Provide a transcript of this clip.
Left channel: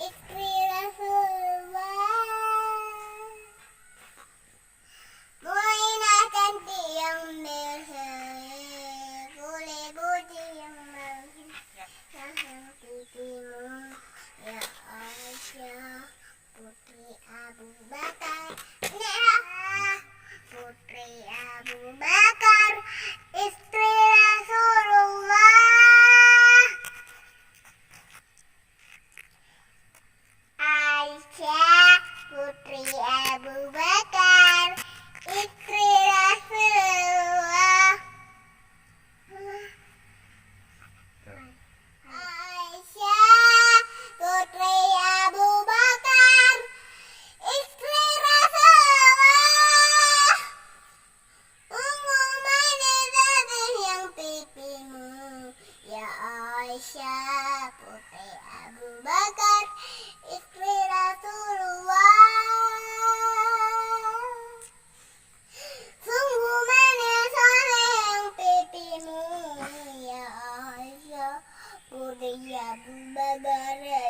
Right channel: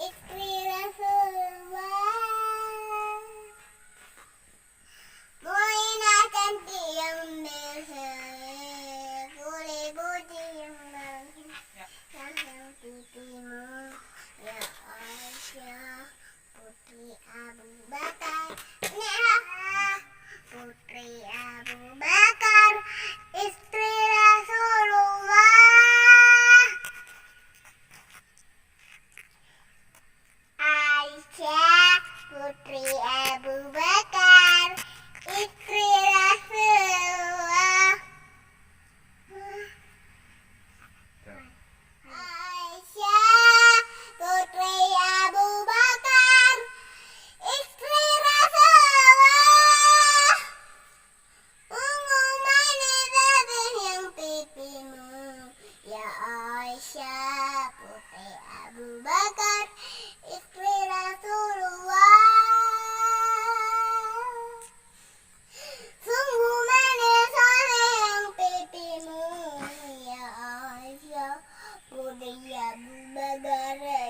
istri Rasulullah. Muinah cantik yang berselir, kulit putih yang manis, yang pipimu ya Aisyah, putri Abu Bakar. Putri Abu Bakar, istri Rasulullah. Aisyah, putri Abu Bakar, istri Rasulullah. Aisyah, putri Abu Bakar, istri Rasulullah. Ungu manis yang pipimu ya Aisyah, putri Abu Bakar, istri Rasulullah. Sungguh manis yang pipimu ya Aisyah, putri Abu Bakar,